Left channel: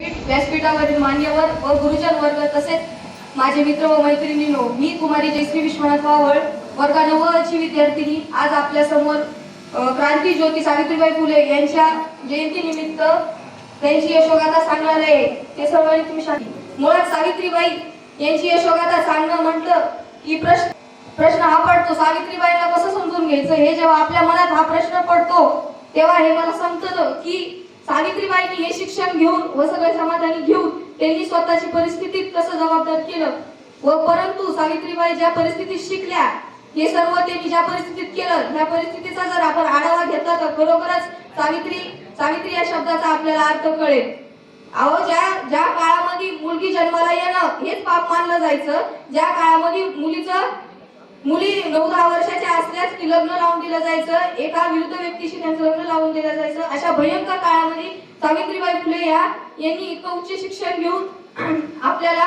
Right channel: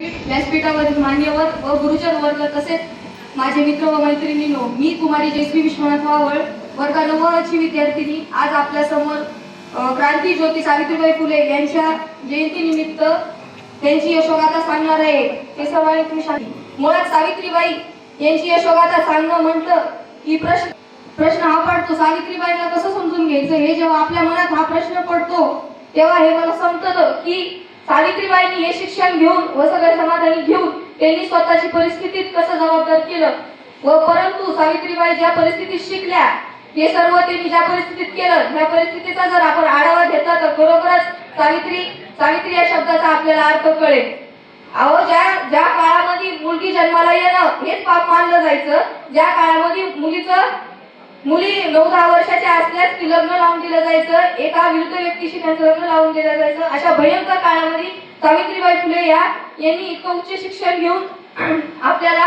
व्यासपीठावरील मान्यवर व गुरुजन वर्ग तसेच माझे मित्र व मैत्रिणींनो, मी कुमारी जयश्री विश्वनाथ वावळ वर्ग 9 ची विद्यार्थिनी आज आपल्या समोर क्रांती ज्योती सावित्रीबाई फुले यांच्या जयंतीनिमित्त त्यांची यशोगाथा सांगणार आहे। ते सर्वांनी तुम्ही शांती। मुळात सावित्रीबाई यांची यशोगाथा सांगणं म्हटलं की प्रश्न हा पडतो, सावित्रीबाईंना कसं समजून घ्यायचं। हे जेव्हा आपल्या मनात हा प्रश्न पडतो तेव्हा हे मला समजतं की सावित्रीबाईंनी हे शिक्षण घेऊन व सगळं समाधानी घेऊन त्यांनी स्वतःची परिस्थितीत कसं जबाबदार केलं व परंतु सावित्रीबाई ज्या परिस्थितीत शिकल्या हे सर्व त्यांनी ज्या परिस्थितीत केलं, त्या परिस्थितीचा जर आपण आढावा घेतला तर खरोखरच सावित्री या शब्दाचा आपल्याला अर्थ कळेल। अहो, ज्या काळामध्ये मुलगी जन्माला येणं हेच पाप मानलं जायचं, ज्या काळामध्ये मुली 9-10 वर्षाच्या असल्यास ती लग्न लावून दिलं जायचं, एका विरुद्ध व्यक्तीशी त्यांचं लग्न लावून दिलं जायचं, अशा भयंकर काळामध्ये सावित्रीबाई फुले यांनी इतकं उच्च शिक्षण घेऊन आपल्याला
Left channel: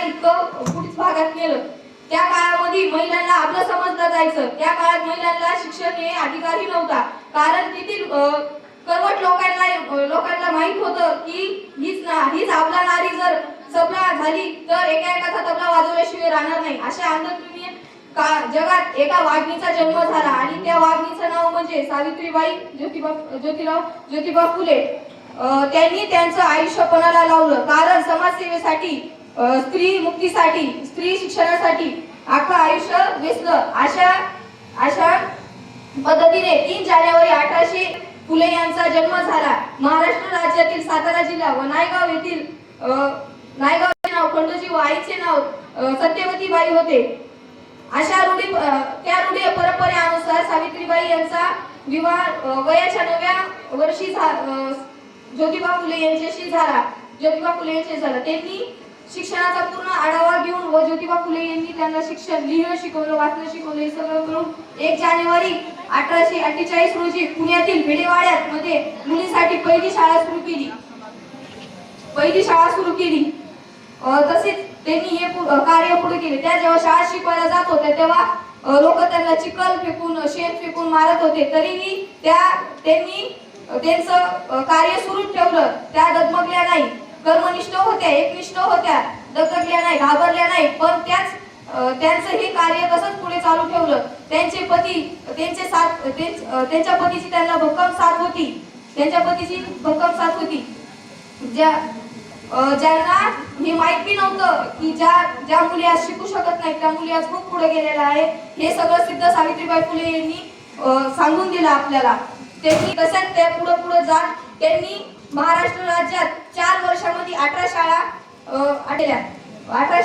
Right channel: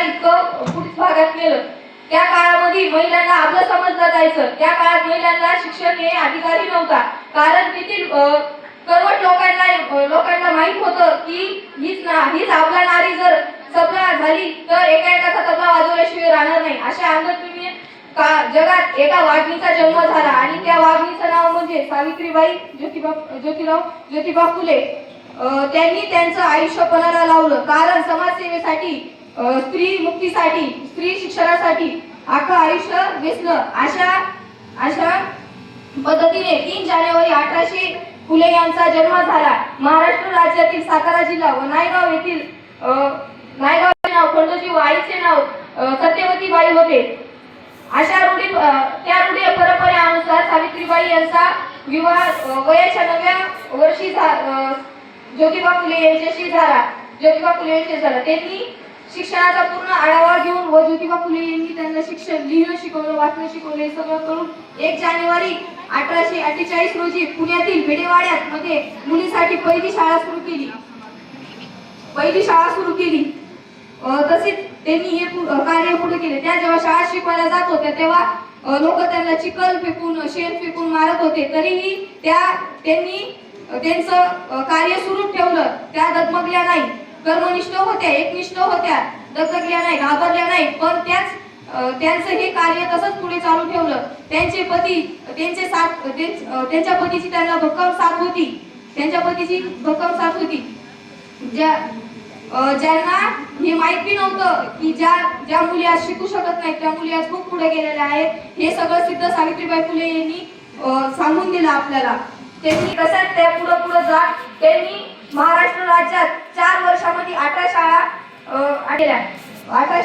इतकं पुढील भागात नेलं। त्या काळामध्ये महिलांना आपलं समजलं जायचं, त्या काळात महिलांना शिक्षण हे अधिकारही नव्हता, कारण तेथील करवट लोकांना माहित होतं की हीच आपला नारी जर सबला झाली तर एका तबला वाजवल्याशिवाय राहणार नाही। अशा अंधश्रद्धेने जगात एका वाघिणीचा जन्म झाला आणि त्या वाघिणीचं नाव म्हणजे सावित्रीबाई ज्योतिबा फुले। त्यांनी त्यांचं आयुष्य पणाला लावलं, कारण समाजसेवेसाठी, स्त्री मुक्तीसाठी, स्त्री शिक्षणासाठी अख्खं आयुष्य वेचलं। अशा पद्धतीने 3 जानेवारी 1800 फुले यांचा जन्म झाला। महाराष्ट्र राज्यातील सातारा जिल्हा व नायगाव येथील नायगावचे नाव खंडोजी व आईचे नाव सत्यवतीबाई होते। त्या रूढी परंपरेनुसार सावित्रीबाई यांचा विवाह वयाच्या 9व्या वर्षी ज्योतिबा फुले यांच्याशी झाला। त्यांनी शिक्षणाचा पूर्ण आढावा घेऊन व ज्योतिबा फुले यांनी त्यांना शिक्षण, लिहिणं शिकवलं, वाचणं शिकवलं, हे सगळं करून 1 जानेवारी 1848 रोजी पुण्यातील भिडेवाड्यात मध्ये मुलींसाठी पहिली शाळा सुरू केली। तसेच त्यांनी हे कार्य पुढे केले। त्या जेव्हा शाळा शिकवायला जात होत्या तेव्हा लोक त्यांना चिखल फेकून, शेण फेकून मारत होते, तरीही त्यांनी त्यांचं कार्य सुरू ठेवलं। त्या डगमगल्या नाही, कर्मनिष्ठ होत्या, एकनिष्ठ होत्या, डगमगल्या नाही, घाबरल्या नाही, पण त्यांचं हे कार्य तसंच पुढे चालू ठेवलं। त्यांच्या पतीची त्यांना भक्कम साथ होती। ज्यांना हे माहित बी नव्हतं की ज्या मुली आज शिकू शकत नाहीत त्या मुली आज खूप पुढे गेलेल्या आहेत, हे सगळं सिद्ध सावित्रीबाई फुले यांनी सांगून दिलं आपल्याला। त्यांनी तसंच त्या पुढे जात त्यांनी महाराष्ट्र राज्यात 4 वर्षामध्ये 18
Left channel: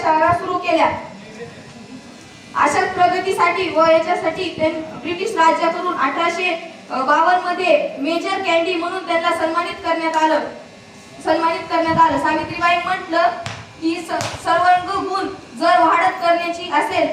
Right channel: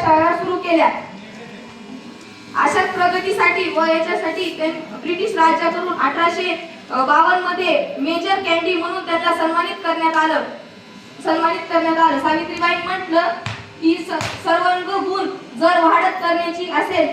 शाळा सुरू केल्या। अशा प्रगतीसाठी व याच्यासाठी ब्रिटिश राज्याकडून 1852 मध्ये मेजर कॅन्डी म्हणून त्यांना सन्मानित करण्यात आलं। सावित्रीबाई म्हटलं की सर्वांग गुण जर वाढत करण्याची असेल